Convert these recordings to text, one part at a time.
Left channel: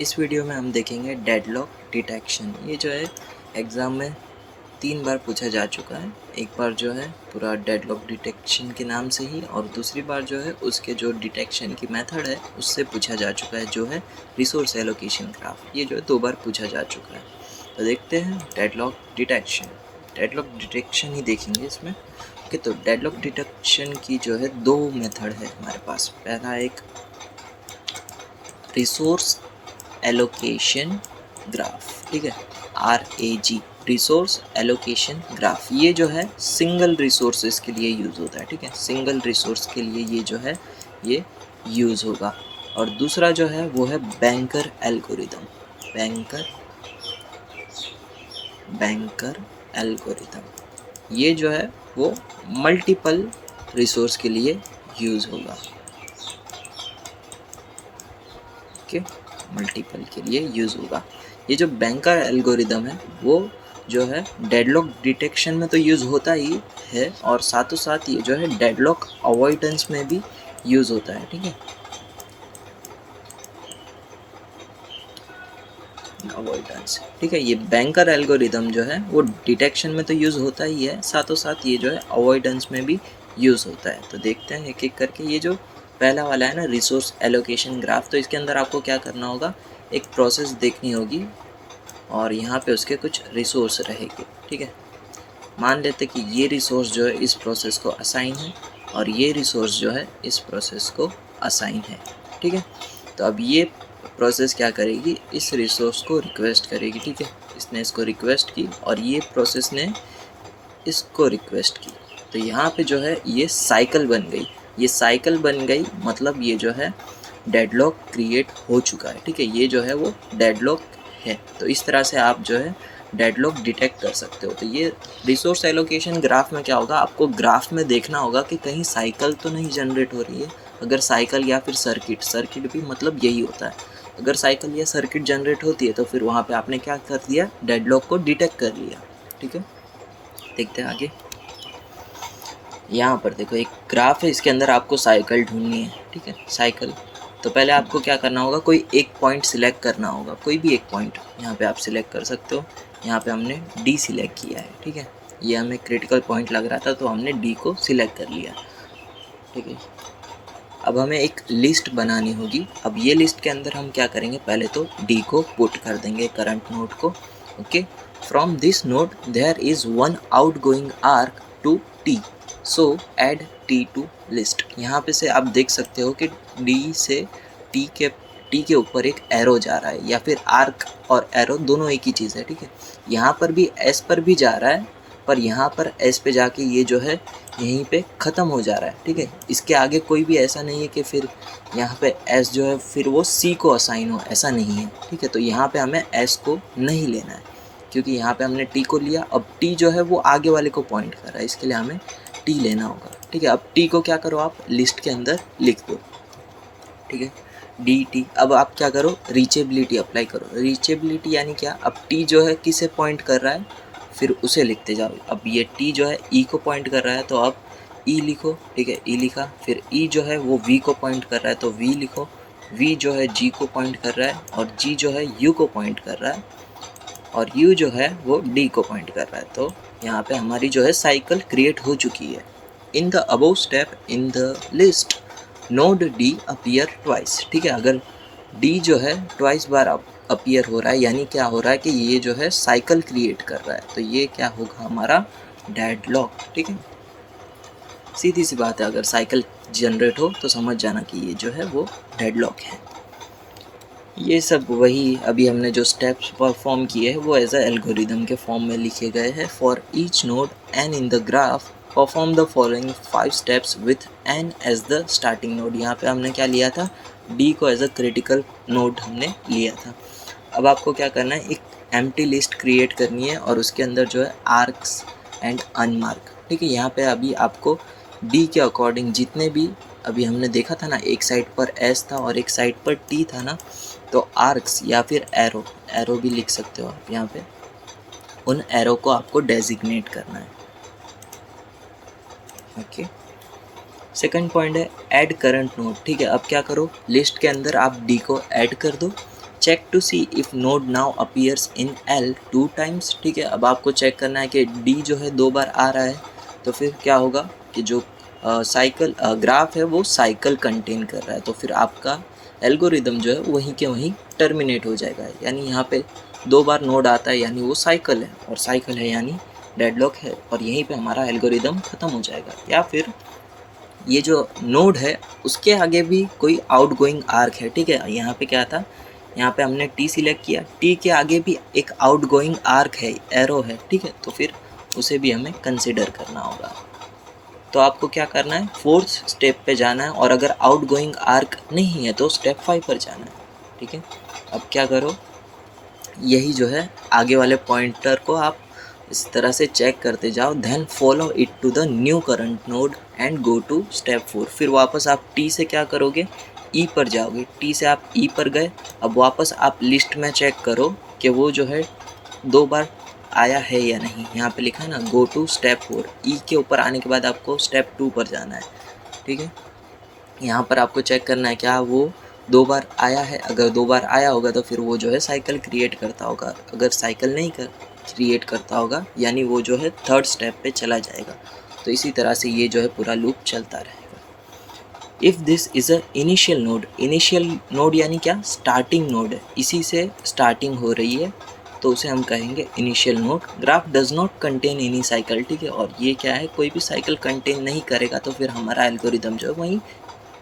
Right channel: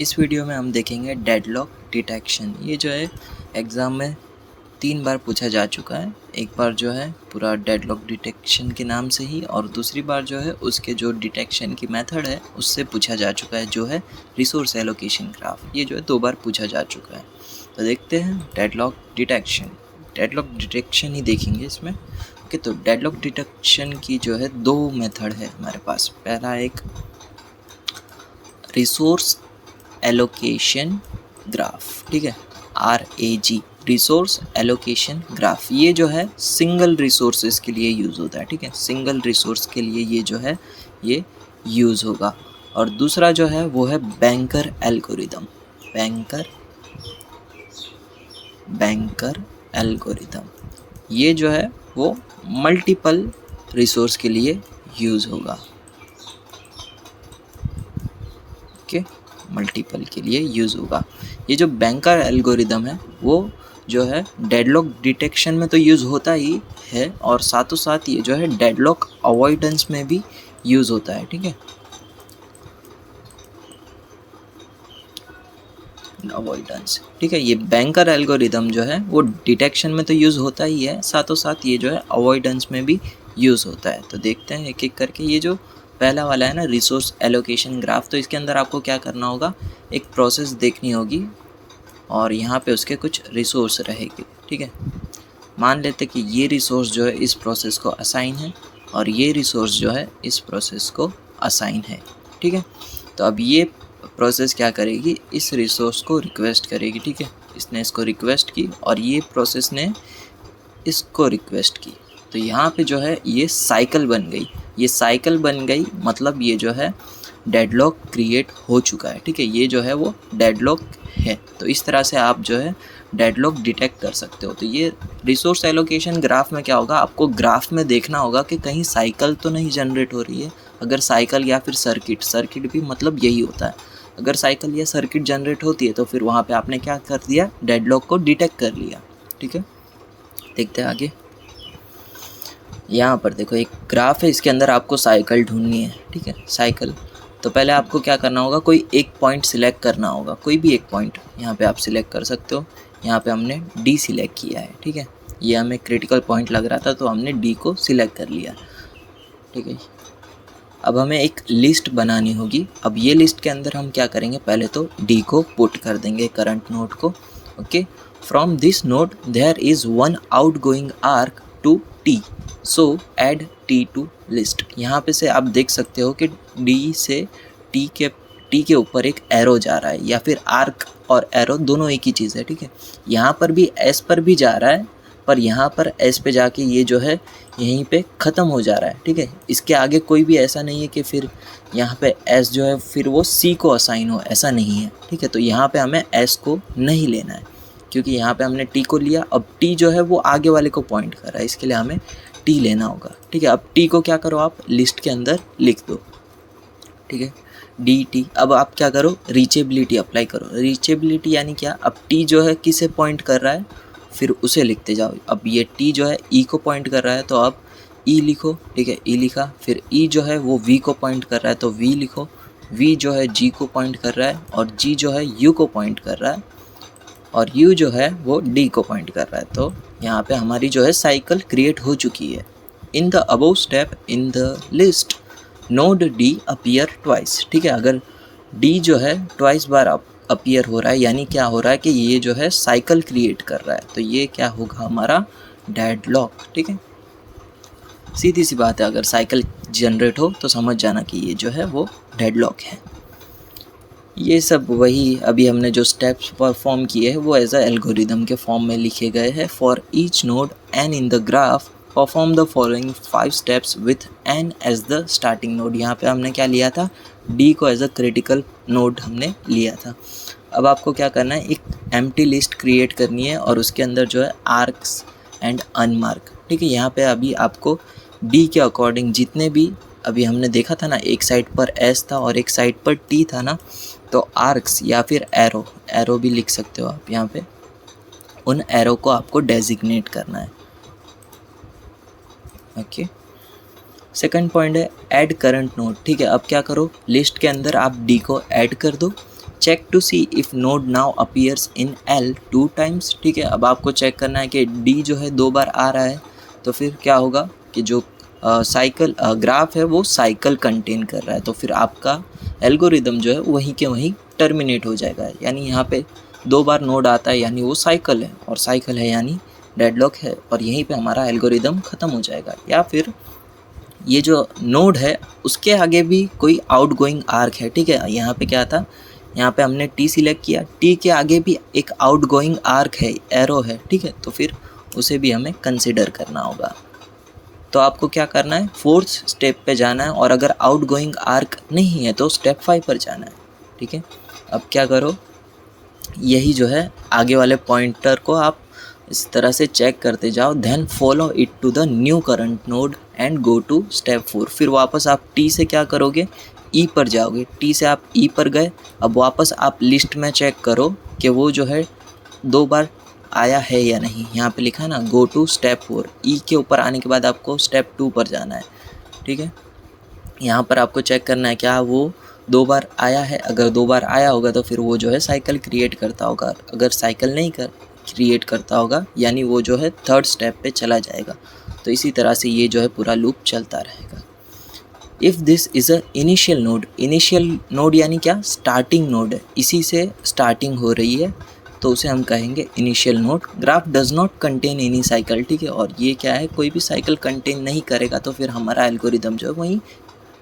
इस वीडियो में हम देखेंगे डेडलॉक डिटेक्शन। ये जो है एग्ज़ाम में 3 बार पूछा जा चुका है। एक बार जो है पूरा डेडलॉक डिटेक्शन के नाम से ही, और दूसरी बार जो है उसके जो डिटेक्शन की मेथड है उससे पूछा जा चुका है, जो है रिसोर्स एलोकेशन ग्राफ। ये जो है 2 बार पूछा जा चुका है। तो देखते हैं डेडलॉक डिटेक्शन। डेडलॉक डिटेक्शन ही देखेंगे इसमें। ओके, तो डेडलॉक डिटेक्शन की जो है 2 मेथड है हमारे पास। पहला एक रिसोर्स एलोकेशन ग्राफ, ठीक है, RAG, रिसोर्स एलोकेशन ग्राफ। ये जो है सिंगल रिसोर्सेज के लिए यूज़ होता है, ठीक है, सिंगल रिसोर्स के लिए ये जो है ये यूज़ होगा। और दूसरा जो है वो है बैंकर एल्गोरिदम। बैंकर एल्गोरिदम ये जो है वो मल्टीपल रिसोर्स के लिए यूज़ होगा। ओके, मल्टीपल के लिए यूज़ होगा। ये जो बैंकर एल्गोरिदम है वो जो है डेडलॉक डिटेक्शन में तो यूज़ होता ही है, और साथों साथ ये जो है डेडलॉक अवॉइडेंस में भी यूज़ होता है, ठीक है, अवॉइडेंस, ठीक है। ये बैंकर एल्गोरिदम जो है वो डिटेक्शन में तो यूज़ होता ही है, साथों साथ ये जो है अवॉइडेंस में भी यूज़ होता है। तो देखते हैं एक एक करके। ये जो पहला वाला है ना, रिसोर्स एलोकेशन ग्राफ, तो इसके अंदर आपको क्या करना होगा, एक प्रोसेस देखनी होगी और यहाँ पे उसके कुछ रिसोर्स रहेगी, ठीक है। मान लेते कि ये रिसोर्स जो है इस प्रोसेस को असाइन है और ये रिसोर्स जो है इस प्रोसेस को असाइन है, ठीक है। तो अब ये प्रोसेस क्या करेगी, इस रिसोर्स को रिक्वेस्ट करेगी, ठीक है। इसने इसको रिक्वेस्ट की और ये प्रोसेस ने इसको रिक्वेस्ट की। तो यहाँ पे जो है ये साइकिल बन गई। ये साइकिल बन गई मतलब ये जो है डेडलॉक क्रिएट हो चुका है, ठीक है। ये जो है वो डेडलॉक है। तो इस तरह से आप जो है डेडलॉक डिटेक्ट कर सकते हो। तो ये रिसोर्स एलोकेशन ग्राफ में क्या होगा, आपको ग्राफ में देखना होगा कि कहीं साइकिल तो नहीं जनरेट हो रही है। अगर साइकिल या फिर सर्किट भी मतलब यही होता है। अगर साइकिल या सर्किट जनरेट होती है तो फिर वहाँ पे आपने क्या कर दिया, डेडलॉक को डिटेक्ट कर लिया, ठीक है। देखते हैं आगे। यहाँ पर देखो एक ग्राफ है, इसके अंदर आपको साइकिल ढूंढनी है, ठीक है, साइकिल। तो पहले आपको क्या करना होगा, कोई एक पॉइंट सिलेक्ट करना होगा, कोई भी एक पॉइंट यहाँ पे आप सिलेक्ट कर सकते हो। यहाँ पे हमने D सिलेक्ट किया है, ठीक है। ये हमें क्रिटिकल पॉइंट लग रहा था तो हमने D को सिलेक्ट कर लिया, ठीक है। अब हमें एक लिस्ट बनानी होगी। अब ये लिस्ट के अंदर हम क्या करेंगे, पहले तो D को पुट कर देंगे, करंट नोड को। Okay, from this node there is one outgoing arc to T, so add T to list. यहाँ पे से आप देख सकते हो कि D से T के ऊपर एक एरो जा रहा है, या फिर आर्क और एरो दोनों एक ही चीज़ है, ठीक है। यहाँ पर भी S पर भी जा रहा है, पर यहाँ पर S पे जाके ये जो है यहीं पे ख़त्म हो जा रहा है, ठीक है। इसके आगे कोई भी ऐसा नहीं है कि फिर यहाँ पे S जो है फिर वो C को असाइन हो, ऐसा नहीं है, ठीक है। तो यहाँ पे हमें S को नहीं लेना है, क्योंकि यहाँ पे हमने T को लिया। अब T जो है वो आगे वाले को पॉइंट कर रहा है, इसके लिए हमें T लेना होगा, ठीक है। अब T को क्या करो, आप लिस्ट के अंदर लिख दो, ठीक है, DT। अब आप क्या करो, रीचेबिलिटी अप्लाई करो। रीचेबिलिटी यानी क्या, अब T जो है किसे पॉइंट कर रहा है फिर उसे लिखते जाओ। अब ये T जो है E को पॉइंट कर रहा है तो आप E लिखो, ठीक है, E लिखा। फिर E जो है वो V को पॉइंट कर रहा है तो V लिखो। V जो है G को पॉइंट कर रहा है और G जो है U को पॉइंट कर रहा है और U जो है वो D को पॉइंट कर रहा है। तो यहाँ पे हमारी जो है साइकिल क्रिएट हो चुकी है। In the above step in the list node D appear twice, ठीक है। अगर D जो है ट्वाइस बार अपीयर हो रहा है, यानी क्या हो रहा है कि ये जो है साइकिल क्रिएट कर रहा है, तो ये क्या होगा, हमारा डेडलॉक, ठीक है। सीधी सी बात है, अगर साइकिल जनरेट हो तो समझ जाना कि ये जो है वो डेडलॉक है। ये सब वही अभी हमने जो स्टेप्स परफॉर्म किए हैं वो एज अ एल्गोरिदम के फॉर्म में लिखे गए हैं। For each node N in the graph perform the following 5 steps with N as the starting node. यहाँ पे हमने क्या लिया था, D को एज अ क्रिटिकल नोड हमने लिया था। अब आपको क्या करना है, एक एम्प्टी लिस्ट क्रिएट करनी है और उसके अंदर जो है आर्क्स एंड अनमार्क, ठीक है। यहाँ पे अभी आपको D के अकॉर्डिंग जितने भी अभी हमने देखा था ना, एक साइड पर S था और एक साइड पर T था ना, तो आर्क्स या फिर एरो भी लिख सकते हो आप। यहाँ पे उन एरो को आपको डेजिग्नेट करना है, ओके। सेकंड पॉइंट है ऐड करंट नोड, ठीक है। अब क्या करो, लिस्ट के अंदर आप D को ऐड कर दो check to see if node now appears in L 2 times, ठीक है। अब आपको चेक करना है कि D जो है 2 बार आ रहा है, तो फिर क्या होगा कि जो साइकिल ग्राफ है वो साइकिल कंटेन कर रहा है, तो फिर आपका एल्गोरिदम जो है वहीं के वहीं टर्मिनेट हो जाएगा। यानी यहाँ पे 2 बार नोड आता है यानी वो साइकिल है, और साइकिल है यानी डेडलॉक है, और यहीं पे हमारा एल्गोरिदम ख़त्म हो जाएगा। या फिर ये जो नोड है उसके आगे भी कोई आउटगोइंग आर्क है, ठीक है। यहाँ पे क्या था, यहाँ पे हमने T सिलेक्ट किया, T के आगे भी एक आउटगोइंग आर्क है, एरो है, ठीक है। तो फिर उसे भी हमें कंसिडर करना होगा। तो आपको क्या करना है, 4th स्टेप पे जाना है, और अगर आउटगोइंग आर्क नहीं है तो स्टेप 5 पर जाना है, ठीक है। अब क्या करो, यही जो है आगे वाले पॉइंटर को आप इस तरह से चेक करते जाओ, then follow it to the new current node and go to step 4। फिर वापस आप T से क्या करोगे, E पर जाओगे, T से आप E पर गए। अब वापस आप लिस्ट में चेक करो कि वो जो है 2 बार आया है या नहीं। यहाँ पे लिखा है ना गो टू स्टेप 4, E के ऊपर आने के बाद आपको स्टेप 2 पर जाना है, ठीक है। यहाँ पर आपको चेक करना है क्या वो 2 बार आया है। अगर 2 बार आया होगा तो फिर वो जो है साइकिल क्रिएट करता होगा, अगर साइकिल नहीं क्रिएट करता होगा यानी वो जो है 3rd स्टेप पे चला जाएगा। तो इसी तरह से ये जो है पूरा लूप चलता रहेगा। If this is a initial node यानी क्या, स्टार्टिंग नोड है, इसी से स्टार्टिंग हो रही है, तो उसे हम कहेंगे initial node. Graph does not contain any cycle, ठीक है। और ये क्या है, कोई भी साइकिल कंटेन नहीं करेगा तो फिर हमारा एल्गोरिदम जो है वहीं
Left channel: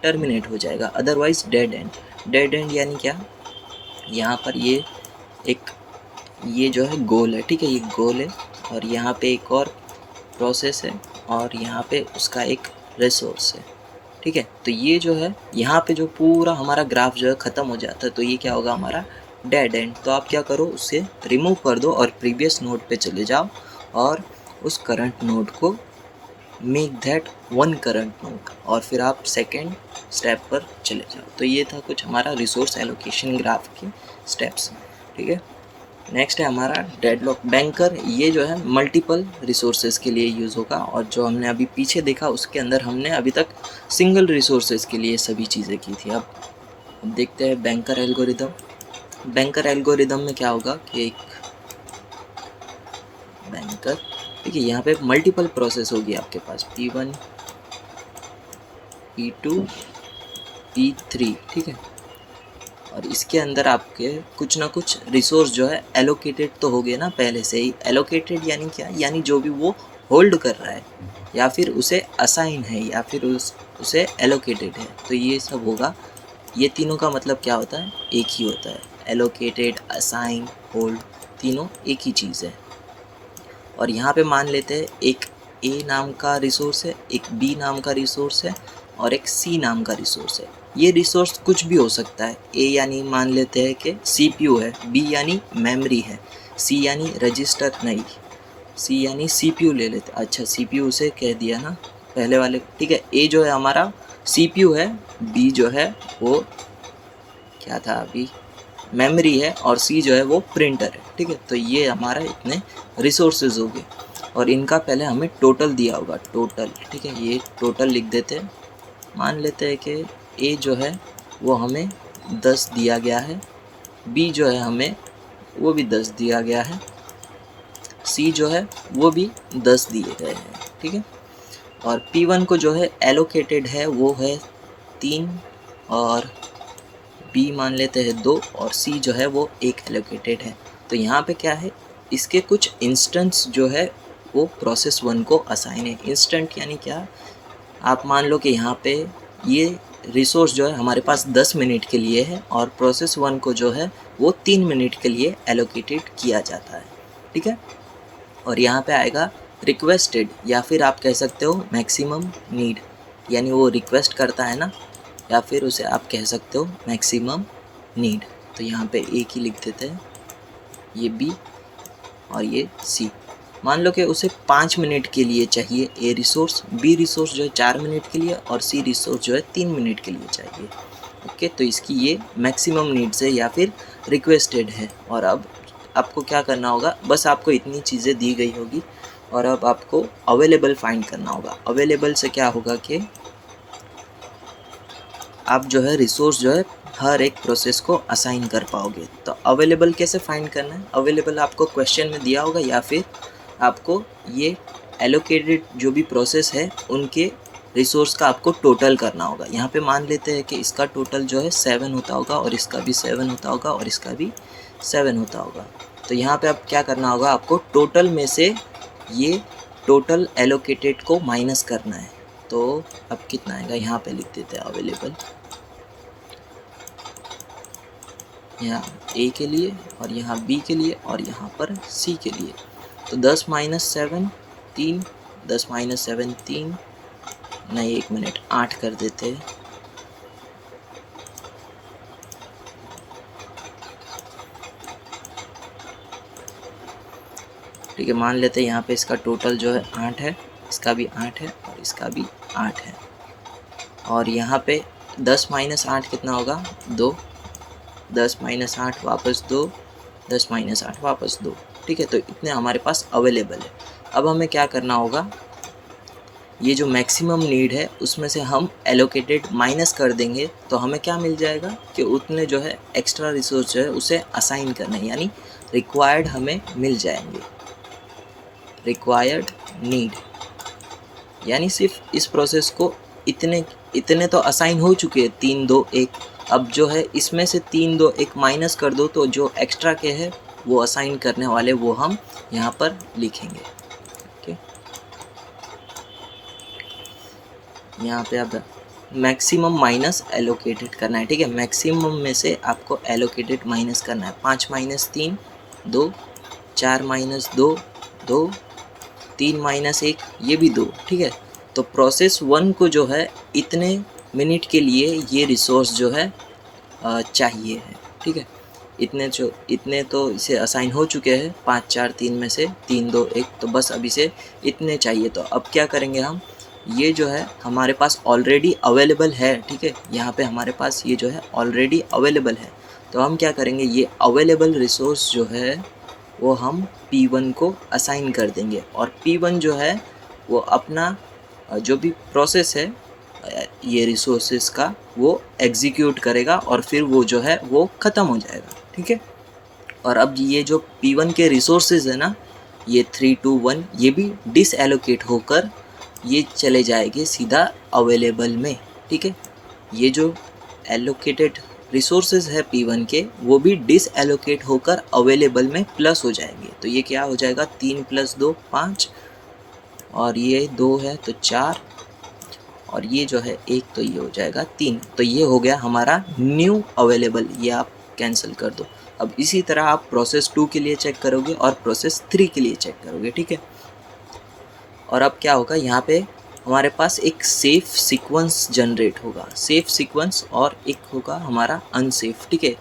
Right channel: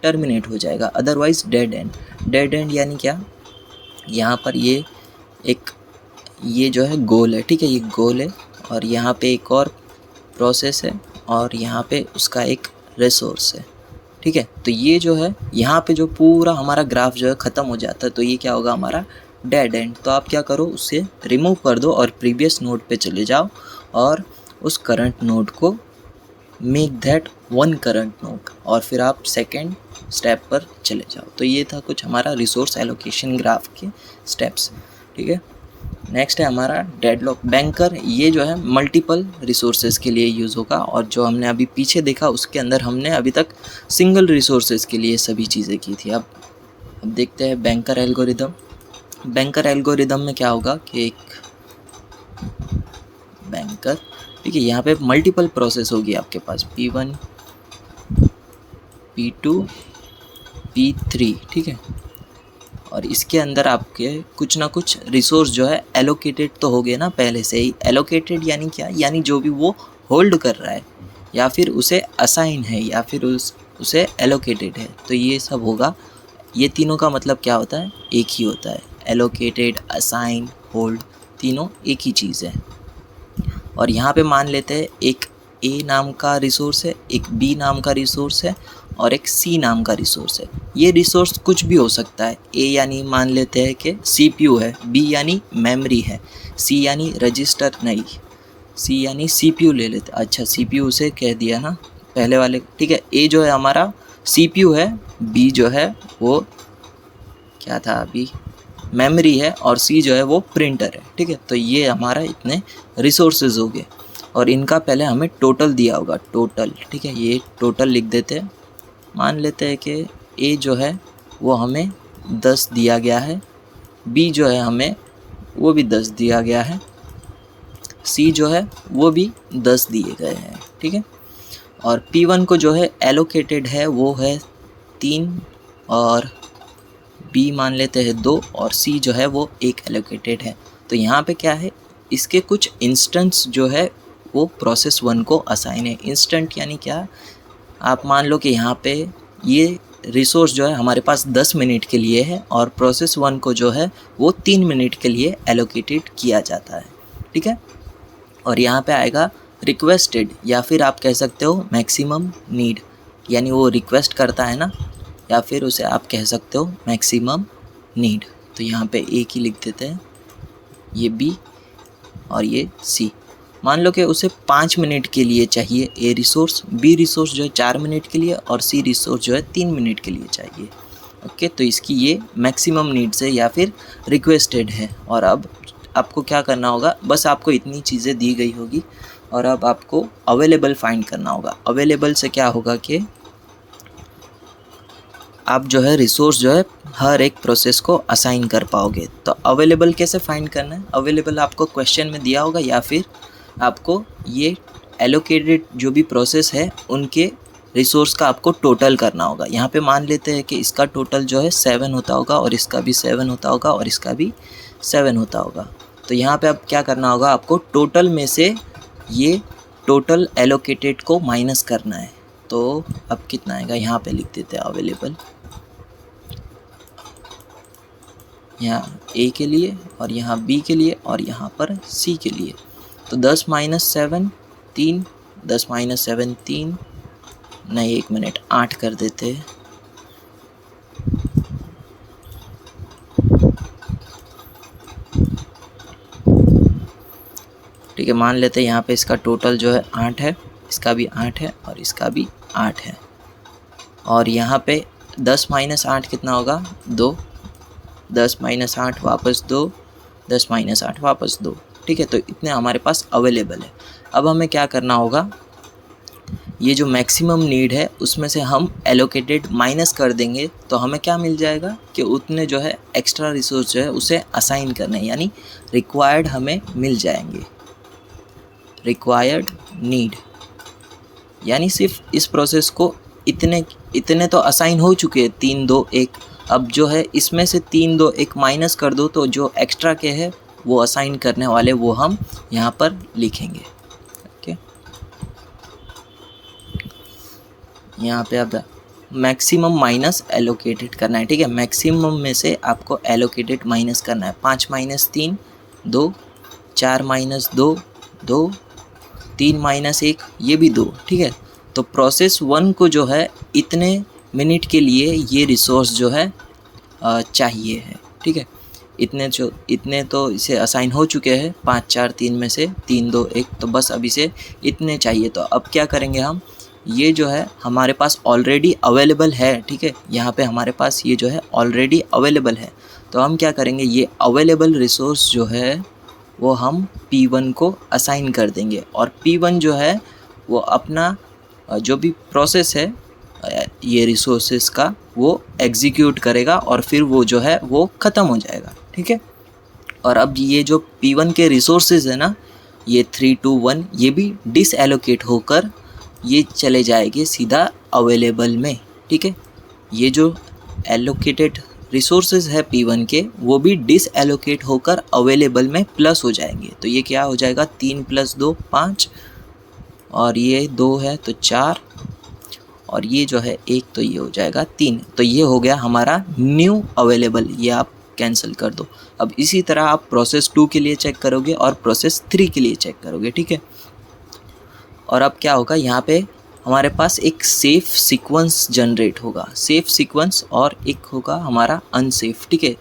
टर्मिनेट हो जाएगा, otherwise dead and. Dead and यानी क्या, यहाँ पर ये जो है गोल है, ठीक है, ये गोल है, और यहाँ पे एक और प्रोसेस है, और यहाँ पे उसका एक रिसोर्स है, ठीक है। तो ये जो है यहाँ पे जो पूरा हमारा ग्राफ जो है ख़त्म हो जाता है, तो ये क्या होगा, हमारा डेड एंड। तो आप क्या करो, उसे रिमूव कर दो और प्रीवियस नोड पे चले जाओ, और उस करंट नोड को make that one current node, और फिर आप सेकेंड स्टेप पर चले जाओ। तो ये था कुछ हमारा रिसोर्स एलोकेशन ग्राफ के स्टेप्स, ठीक है। नेक्स्ट है हमारा डेडलॉक बैंकर। ये जो है मल्टीपल रिसोर्सेज के लिए यूज़ होगा, और जो हमने अभी पीछे देखा उसके अंदर हमने अभी तक सिंगल रिसोर्सेज के लिए सभी चीज़ें की थी। अब देखते हैं बैंकर एल्गोरिदम। बैंकर एल्गोरिदम में क्या होगा कि एक बैंकर, ठीक है, यहाँ पे मल्टीपल प्रोसेस होगी आपके पास, P1 P2 P3, ठीक है। और इसके अंदर आपके कुछ ना कुछ रिसोर्स जो है एलोकेटेड तो हो गए ना पहले से ही। एलोकेटेड यानी क्या, यानी जो भी वो होल्ड कर रहा है, या फिर उसे असाइन है, या फिर उसे एलोकेटेड है, तो ये सब होगा। ये तीनों का मतलब क्या होता है, एक ही होता है। एलोकेटेड, असाइन, होल्ड, तीनों एक ही चीज़ है। और यहाँ पे मान लेते हैं एक A नाम का रिसोर्स है, एक B नाम का रिसोर्स है, और एक C नाम का रिसोर्स है। ये रिसोर्स कुछ भी हो सकता है। A यानी मान लेते हैं कि CPU है, B यानी मेमोरी है, C यानी रजिस्टर, नहीं, C यानी CPU ले लेते। अच्छा, CPU उसे कह दिया ना पहले वाले, ठीक है। A जो है हमारा CPU है, B जो है वो क्या था अभी, मेमोरी है, और C जो है वो प्रिंटर है, ठीक है। तो ये हमारा इतने रिसोर्सेज हो गए, और इनका पहले हमें टोटल दिया होगा, टोटल, ठीक है। ये टोटल लिख देते हैं। मान लेते हैं कि A जो है वो हमें 10 दिया गया है, B जो है हमें वो भी 10 दिया गया है, C जो है वो भी 10 दिए गए हैं, ठीक है। और P1 को जो है एलोकेटेड है वो है 3, और B मान लेते हैं 2, और C जो है वो 1 एलोकेटेड है। तो यहाँ पे क्या है, इसके कुछ इंस्टेंस जो है वो प्रोसेस 1 को असाइन है। इंस्टेंट यानी क्या, आप मान लो कि यहाँ पे ये रिसोर्स जो है हमारे पास 10 मिनट के लिए है, और प्रोसेस 1 को जो है वो 3 मिनट के लिए एलोकेटेड किया जाता है, ठीक है। और यहाँ पे आएगा रिक्वेस्टेड, या फिर आप कह सकते हो मैक्सिमम नीड, यानी वो रिक्वेस्ट करता है ना, या फिर उसे आप कह सकते हो मैक्सिमम नीड। तो यहाँ पे एक ही लिख देते हैं, ये B और ये C। मान लो कि उसे 5 मिनट के लिए चाहिए A रिसोर्स, B रिसोर्स जो है 4 मिनट के लिए, और C रिसोर्स जो है 3 मिनट के लिए चाहिए। ओके, तो इसकी ये मैक्सिमम नीड्स है या फिर रिक्वेस्टेड है। और अब आपको क्या करना होगा, बस आपको इतनी चीज़ें दी गई होगी, और अब आपको अवेलेबल फाइंड करना होगा। अवेलेबल से क्या होगा कि आप जो है रिसोर्स जो है हर एक प्रोसेस को असाइन कर पाओगे। तो अवेलेबल कैसे फाइंड करना है? अवेलेबल आपको क्वेश्चन में दिया होगा या फिर आपको ये एलोकेटेड जो भी प्रोसेस है उनके रिसोर्स का आपको टोटल करना होगा। यहाँ पे मान लेते हैं कि इसका टोटल जो है 7 होता होगा और इसका भी 7 होता होगा और इसका भी 7 होता होगा। तो यहाँ पे अब क्या करना होगा, आपको टोटल में से ये टोटल एलोकेटेड को माइनस करना है। तो अब कितना आएगा, यहाँ पे लिख देते हैं अवेलेबल, यहाँ ए के लिए और यहाँ बी के लिए और यहाँ पर सी के लिए। तो 10 - 7 3, 10 - 7 3, नहीं 1 मिनट 8 कर देते हैं। ठीक है, मान लेते हैं यहाँ पे इसका टोटल जो है 8 है, इसका भी 8 है और इसका भी 8 है। और यहाँ पे 10 - 8 कितना होगा, 2, 10 - 8 वापस 2, 10 - 8 वापस 2। ठीक है, तो इतने हमारे पास अवेलेबल है। अब हमें क्या करना होगा, ये जो मैक्सिमम नीड है उसमें से हम एलोकेटेड माइनस कर देंगे तो हमें क्या मिल जाएगा कि उतने जो है एक्स्ट्रा रिसोर्स जो है उसे असाइन करना है, यानी रिक्वायर्ड हमें मिल जाएंगे। रिक्वायर्ड नीड यानी सिर्फ इस प्रोसेस को इतने इतने तो असाइन हो चुके हैं, 3 2 1। अब जो है इसमें से 3 2 1 माइनस कर दो तो जो एक्स्ट्रा के है वो असाइन करने वाले वो हम यहाँ पर लिखेंगे। ओके, यहाँ पे अब मैक्सिमम माइनस एलोकेटेड करना है। ठीक है, मैक्सिमम में से आपको एलोकेटेड माइनस करना है। 5 - 3 2, 4 - 2 2, 3 - 1 ये भी 2। ठीक है, तो प्रोसेस 1 को जो है इतने मिनट के लिए ये रिसोर्स जो है चाहिए है। ठीक है, इतने तो इसे असाइन हो चुके हैं, 5 4 3 में से 3 2 1, तो बस अभी से इतने चाहिए। तो अब क्या करेंगे हम, ये जो है हमारे पास ऑलरेडी अवेलेबल है। ठीक है, यहाँ पे हमारे पास ये जो है ऑलरेडी अवेलेबल है। तो हम क्या करेंगे, ये अवेलेबल रिसोर्स जो है वो हम P1 को असाइन कर देंगे और P1 जो है वो अपना जो भी प्रोसेस है ये रिसोर्सेस का वो एग्जीक्यूट करेगा और फिर वो जो है वो ख़त्म हो जाएगा। ठीक है, और अब ये जो P1 के रिसोर्सेज है ना, ये 3 2 1 ये भी डिसएलोकेट होकर ये चले जाएंगे सीधा अवेलेबल में। ठीक है, ये जो एलोकेटेड रिसोर्सेज है P1 के वो भी डिसएलोकेट होकर अवेलेबल में प्लस हो जाएंगे। तो ये क्या हो जाएगा, 3 + 2 5 और ये 2 है तो 4 और ये जो है 1 तो ये हो जाएगा 3। तो ये हो गया हमारा न्यू अवेलेबल, ये आप कैंसिल कर दो। अब इसी तरह आप प्रोसेस 2 के लिए चेक करोगे और प्रोसेस 3 के लिए चेक करोगे। ठीक है, और अब क्या होगा, यहाँ पे हमारे पास एक सेफ सीक्वेंस जनरेट होगा, सेफ सीक्वेंस, और एक होगा हमारा अनसेफ। ठीक है,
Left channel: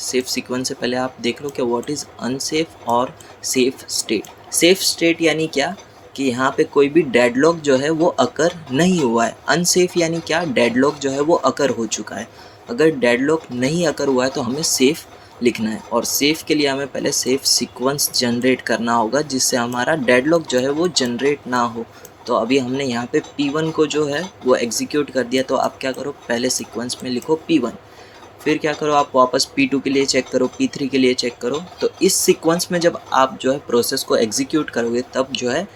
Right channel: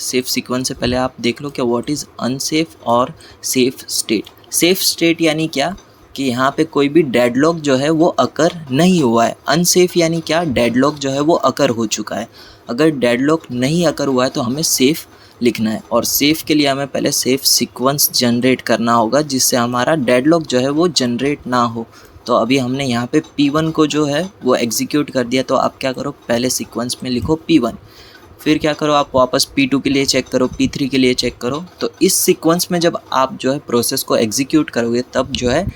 सेफ सीक्वेंस से पहले आप देख लो कि व्हाट इज़ अनसेफ और सेफ स्टेट। सेफ स्टेट यानी क्या कि यहाँ पे कोई भी डेडलॉक जो है वो अकर नहीं हुआ है। अनसेफ यानी क्या, डेडलॉक जो है वो अकर हो चुका है। अगर डेडलॉक नहीं अकर हुआ है तो हमें सेफ लिखना है और सेफ के लिए हमें पहले सेफ सीक्वेंस जनरेट करना होगा जिससे हमारा डेडलॉक जो है वो जनरेट ना हो। तो अभी हमने यहाँ पे P1 को जो है वो एग्जीक्यूट कर दिया। तो आप क्या करो, पहले सीक्वेंस में लिखो P1, फिर क्या करो आप वापस P2 के लिए चेक करो, P3 के लिए चेक करो। तो इस सीक्वेंस में जब आप जो है प्रोसेस को एग्जीक्यूट करोगे तब जो है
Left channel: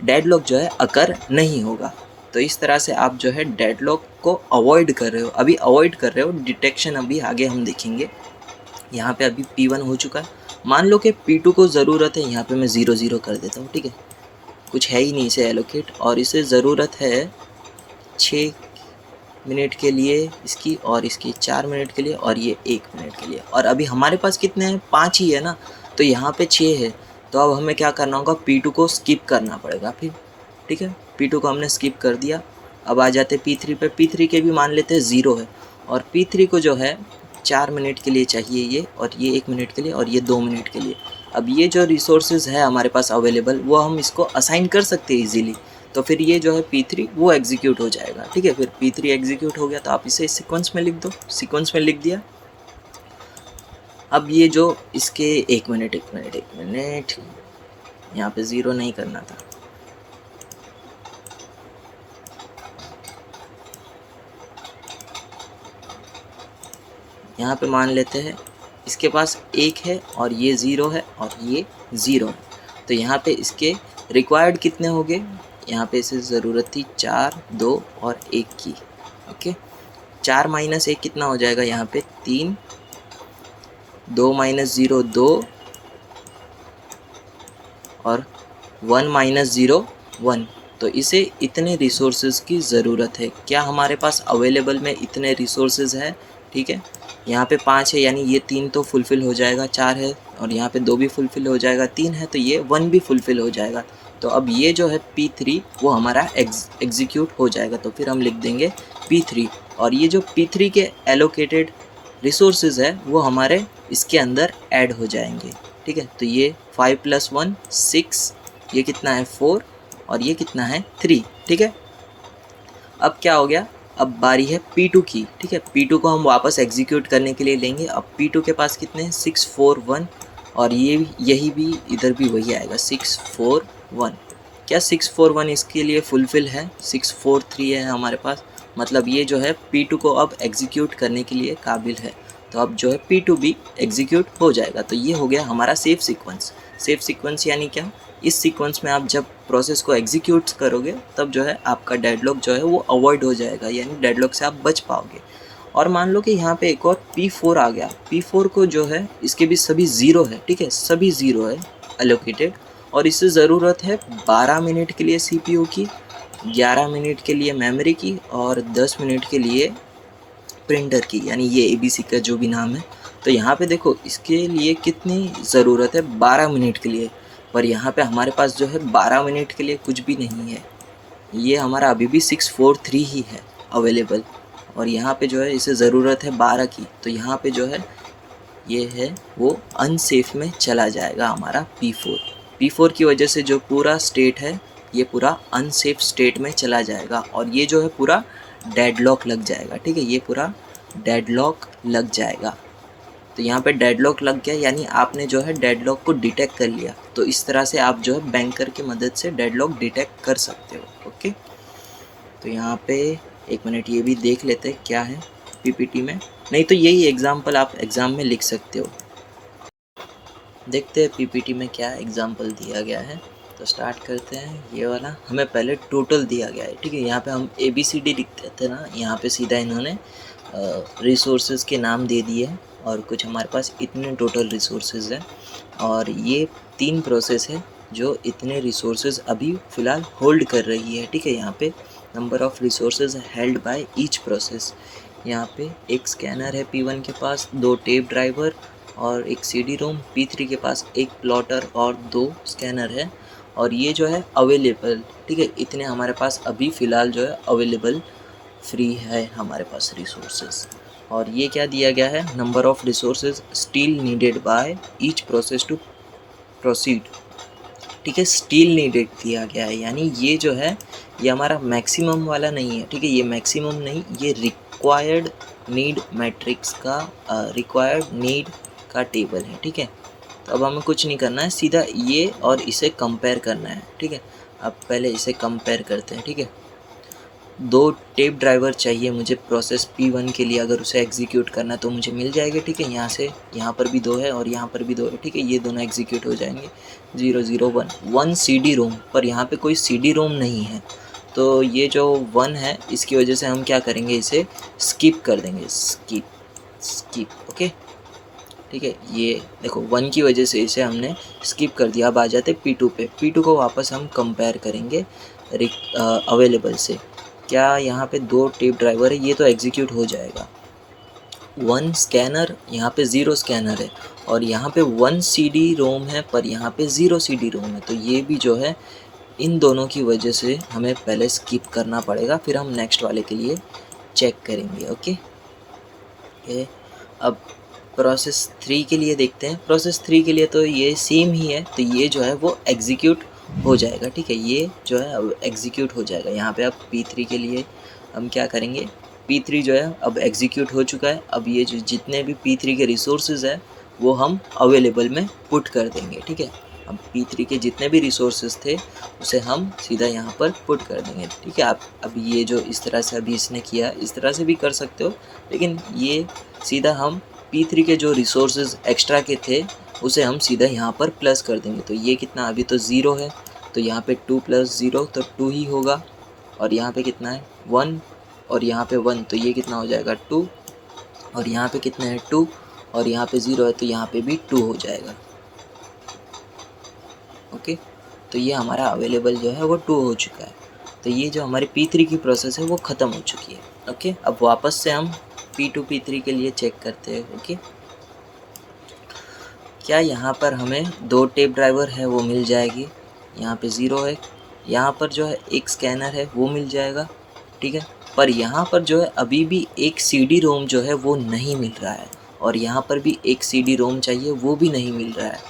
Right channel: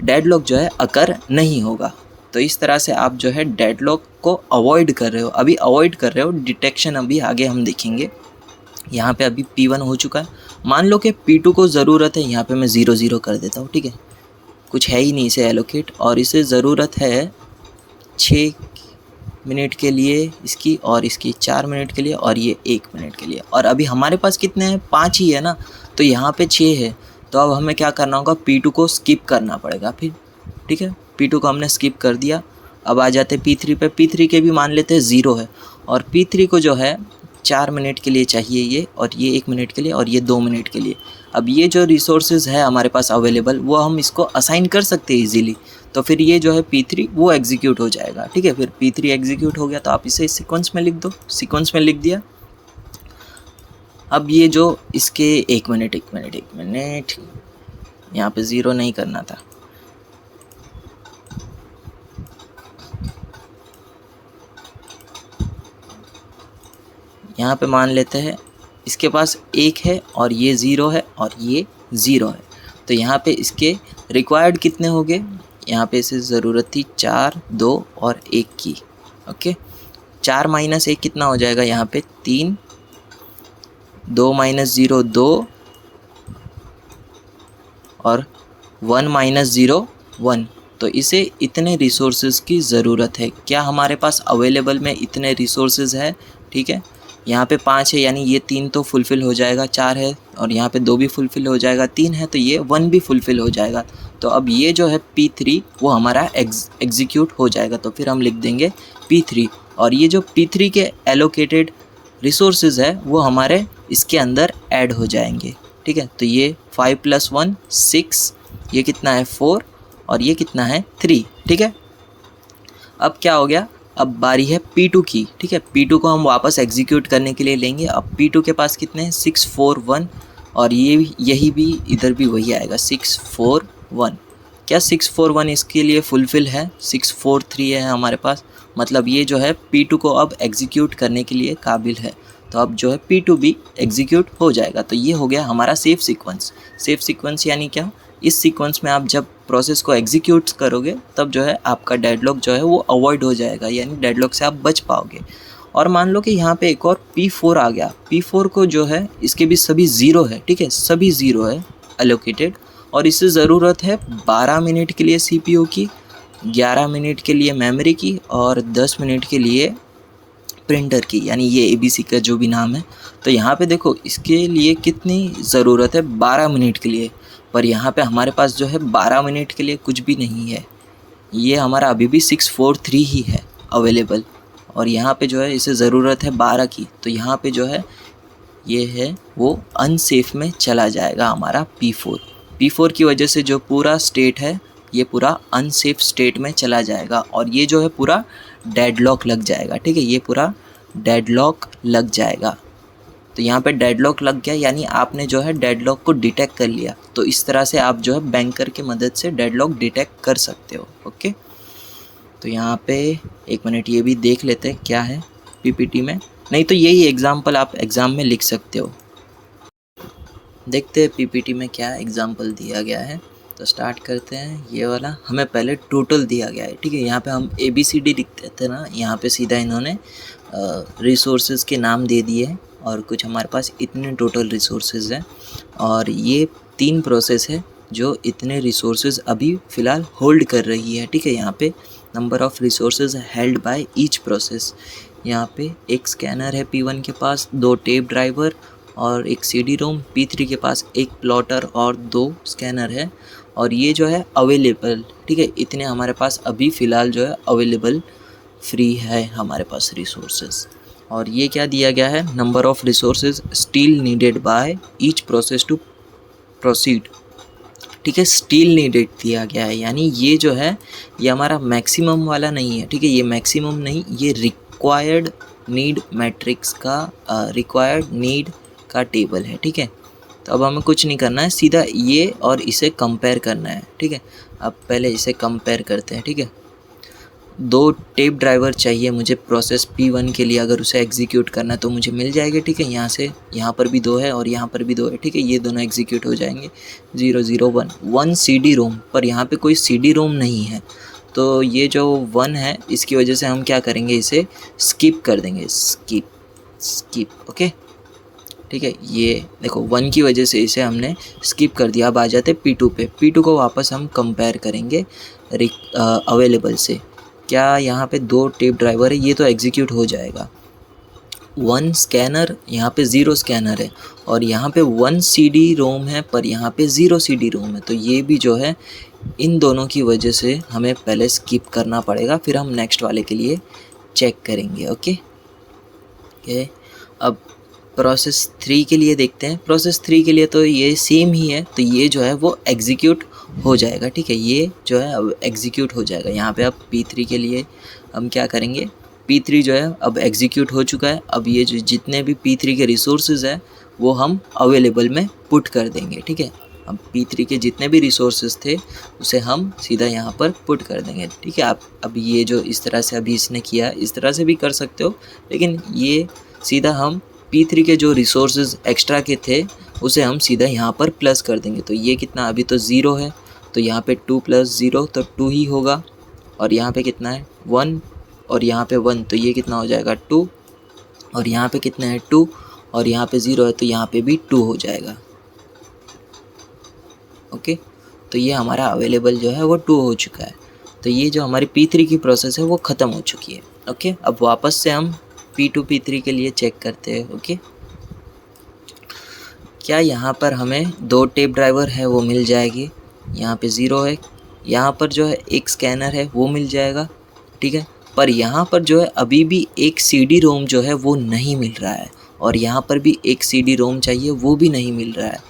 डेडलॉक जो है अकर नहीं होगा। तो इस तरह से आप जो है डेडलॉक को अवॉइड कर रहे हो, अभी अवॉइड कर रहे हो। डिटेक्शन अभी आगे हम देखेंगे। यहाँ पे अभी P1 हो चुका है, मान लो कि P2 को ज़रूरत है, यहाँ पे मैं 0 0 कर देता हूँ। ठीक है, कुछ है ही नहीं इसे एलोकेट, और इसे ज़रूरत है 6 मिनट के लिए इसकी, और इसकी 4 मिनट के लिए, और ये 1 मिनट के लिए। और अभी हमारे पास कितने हैं, 5 ही है ना, तो यहाँ पे 6 है। तो अब हमें क्या करना होगा, P2 को स्किप करना पड़ेगा फिर। ठीक है, P2 को हमने स्किप कर दिया। अब आ जाते P3 पे, P3 के भी मान लेते हैं 0 है, और P3 को जो है 4 मिनट के लिए चाहिए ये, और ये 1 मिनट के लिए, और ये 2 मिनट के लिए। अब ये जो रिसोर्सेज है हमारे पास अवेलेबल वो हम इसको असाइन कर सकते हैं ईजिली। तो फिर ये जो है P3 वो एग्जीक्यूट हो जाएगा। ठीक है, फिर P3 एग्जीक्यूट हो गया तो आप इसे सीक्वेंस में लिख दो, सीक्वेंस में लिख दिया। अब ये जो इसके 1 मिनट यहाँ पे 0 नहीं करना था। यहाँ पे मान लेते हैं इसके पास 1 है और ये 0 है और ये 0 है। तो यहाँ पे इसके रिक्वायर्ड कितने हो गए, यहाँ पे इसे ज़रूरत थी 4, 2 और 1 की। ओके, 4 माइनस 1 कितना हो जाएगा यहाँ पे 3, 2 माइनस 0 2 और 1 माइनस 0 1। तो इसे इतने रिसोर्सेज की ज़रूरत है। क्या हमारे पास अवेलेबल में इतने रिसोर्सेज है? ठीक है, यहाँ पे 5 है यानी ये 3 तो फुलफ़िल हो जाएगा, 4 है और यहाँ पे 2 भी फुलफ़िल हो जाएगा, 3 है तो ये 1 भी फुलफ़िल हो जाएगा। तो अब ये जो है P3 वो हमारा एग्जीक्यूट हो जाएगा। तो फिर हम लिख देंगे P3 और ये जो P3 के एलोकेटेड रिसोर्सेज है वो हमारे इसके अंदर ऐड हो जाएंगे। ठीक है, तो ये 5 + 1 6, ये कितना है 4 और ये कितना है 3। ठीक है, अब क्या हो गया, अब बारी है P2 की। ठीक है, P2 को हम वापस एग्जीक्यूट करने के लिए लेंगे। अब P2 के पास कितने हैं 6 4 1 और यही भी इधर भी वही आएगा 6 4 1। क्या 6 4 1 इसके लिए फुलफ़िल है? 6 4 3 है हमारे पास, मतलब ये जो है P2 को अब एग्जीक्यूट करने के लिए काबिल है। तो अब जो है P2 भी एग्जीक्यूट हो जाएगा। तो ये हो गया हमारा सेफ सीक्वेंस। सेफ सीक्वेंस यानी क्या, इस सीक्वेंस में आप जब प्रोसेस को एग्जीक्यूट करोगे तब जो है आपका डेडलॉक जो है वो अवॉइड हो जाएगा, यानी डेडलॉक से आप बच पाओगे। और मान लो कि यहाँ पे एक और P4 आ गया। P4 को जो है इसके भी सभी 0 है। ठीक है, सभी 0 है एलोकेटेड और इससे ज़रूरत है 12 मिनट के लिए CPU की, 11 मिनट के लिए मेमोरी की और 10 मिनट के लिए प्रिंटर की, यानी ये ABC का जो भी नाम है। तो यहाँ पे देखो इसके लिए कितनी ज़रूरत है 12 मिनट के लिए, पर यहाँ पे हमारे पास जो है 12 मिनट के लिए कुछ भी नहीं है। ये हमारा अभी भी 643 ही है अवेलेबल और यहाँ पे जो है इसे ज़रूरत है 12 की। तो यहाँ पे जो है ये है वो अनसेफ में चला जाएगा हमारा P4। P4 की वजह से जो पूरा स्टेट है ये पूरा अनसेफ स्टेट में चला जाएगा और ये जो है पूरा डेडलॉक लग जाएगा। ठीक है, ये पूरा डेडलॉक लग जाएगा। तो यहाँ पे डेडलॉक लग गया यानी आपने जो है डेडलॉक को डिटेक्ट कर लिया। तो इस तरह से आप जो है बैंकर की मदद से डेडलॉक डिटेक्ट कर सकते हो। ओके, तो यहाँ पे एक मिनट ये भी देख लेते हैं क्या है पीपीटी में, नहीं तो यही एग्जाम्पल आप एग्ज़ाम में लिख सकते हो। देखते हैं पीपीटी में क्या एग्जाम्पल दिया गया है। तो स्टार्ट करते हैं। ये वाला हमें पहले टोटल दिया गया है। ठीक है, यहाँ पे हम ABCD लिखते थे ना, यहाँ पे सीधा इन्होंने रिसोर्सेज के नाम दे दिए हैं और कुछ हमारे पास इतने टोटल रिसोर्सेज हैं और ये 3 प्रोसेस है जो इतने रिसोर्सेज अभी फ़िलहाल होल्ड कर रही है। ठीक है, यहाँ पे number of resources held by each process. यहाँ पे एक स्कैनर है P1 के पास, 2 टेप ड्राइवर और एक CD-ROM। P3 के पास एक प्लॉटर और 2 स्कैनर है और ये जो है अवेलेबल। ठीक है, इतने हमारे पास अभी फ़िलहाल जो है अवेलेबल फ्री है हमारे पास रिसोर्सेज। और ये क्या दिया गया है, number of resources still needed by each process to proceed. ठीक है, स्टिल नीडेड दिया गया है यानी ये जो है ये हमारा मैक्सिमम वाला नहीं है। ठीक है, ये मैक्सिमम नहीं, ये रिक्वायर्ड नीड मैट्रिक्स का रिक्वायर्ड नीड का टेबल है। ठीक है, तो अब हमें कुछ नहीं करना है, सीधा ये और इसे कंपेयर करना है। ठीक है, अब पहले इसे कंपेयर करते हैं। ठीक है, 2 टेप ड्राइवर चाहिए मुझे प्रोसेस P1 के लिए, अगर उसे एग्जीक्यूट करना तो मुझे मिल जाएगा। ठीक है, यहाँ से यहाँ पर भी 2 है और यहाँ पर भी 2 है। ठीक है, ये दोनों एग्जीक्यूट हो जाएंगे। 0 0 1 1 CD-ROM, पर यहाँ पे कोई CD-ROM नहीं है तो ये जो 1 है इसकी वजह से हम क्या करेंगे, इसे स्किप कर देंगे। Skip okay. ठीक है, ये देखो 1 की वजह से इसे हमने स्किप कर दिया। अब आ जाते P2 पे। P2 को वापस हम कंपेयर करेंगे अवेलेबल से। क्या यहाँ पे 2 टेप ड्राइवर है, ये तो एग्जीक्यूट हो जाएगा। 1 स्कैनर, यहाँ पे 0 स्कैनर है और यहाँ पे 1 CD-ROM है पर यहाँ पे 0 CD-ROM है। तो ये भी जो है इन दोनों की वजह से हमें पहले स्किप करना पड़ेगा, फिर हम नेक्स्ट वाले के लिए चेक करेंगे। ओके, अब प्रोसेस 3 के लिए देखते हैं। प्रोसेस 3 के लिए तो ये सेम ही है, तो ये जो है वो एग्जीक्यूट हो जाएगा। ठीक है, ये जो है अब एग्जीक्यूट हो जाएगा। यहाँ पे अब P3 के लिए हम क्या करेंगे, P3 जो है अब एग्जीक्यूट हो चुका है। अब ये जो जितने भी P3 के रिसोर्सेज हैं वो हम अवेलेबल में पुट कर देंगे। ठीक है, अब P3 के जितने भी रिसोर्सेज थे उसे हम सीधा यहाँ पर पुट कर देंगे। ठीक है, आप अब ये जो इस तरह से अभी इसने किया इस तरह से भी कर सकते हो, लेकिन ये सीधा हम P3 के जो रिसोर्सेज एक्स्ट्रा के थे उसे हम सीधा यहाँ पर प्लस कर देंगे। तो ये कितना, अभी तो 0 है तो यहाँ पे 2 + 0 तो 2 ही होगा, और यहाँ पे कितना है 1 और यहाँ पे 1, तो ये कितना हो जाएगा 2, और यहाँ पे कितना है 2 और यहाँ पे 0 है तो यहाँ पे भी 2 हो जाएगा। ओके, तो ये हमारा अवेलेबल जो है वो 2 हो चुका है। तो ये जो हमारी P3 की प्रोसेस है वो ख़त्म हो चुकी है। ओके, अब वापस से हम P2 P3 के लिए चेक करते हैं। ओके, क्या यहाँ पर हमें 2 टेप ड्राइवर है वो मिल जाएगी, यहाँ पे 0 है, यहाँ पर जो है एक स्कैनर है वो मिल जाएगा, ठीक है। पर यहाँ पर जो है अभी भी एक CD रोम जो है वो नहीं मिल रहा है, और यहाँ पर भी एक CD रोम चाहिए वो भी नहीं मिल रहा है।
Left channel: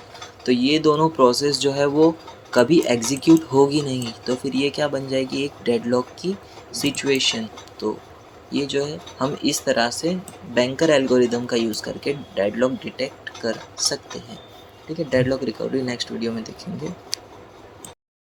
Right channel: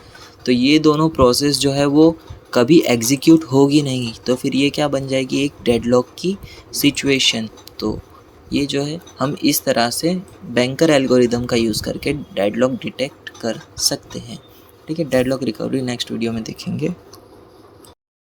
तो ये दोनों प्रोसेस जो है वो कभी एग्जीक्यूट होगी नहीं, तो फिर ये क्या बन जाएगी, एक डेडलॉक की सिचुएशन। तो ये जो है हम इस तरह से बैंकर एल्गोरिदम का यूज़ करके डेडलॉक डिटेक्ट कर सकते हैं। ठीक है, डेडलॉक रिकवरी नेक्स्ट वीडियो में देखेंगे।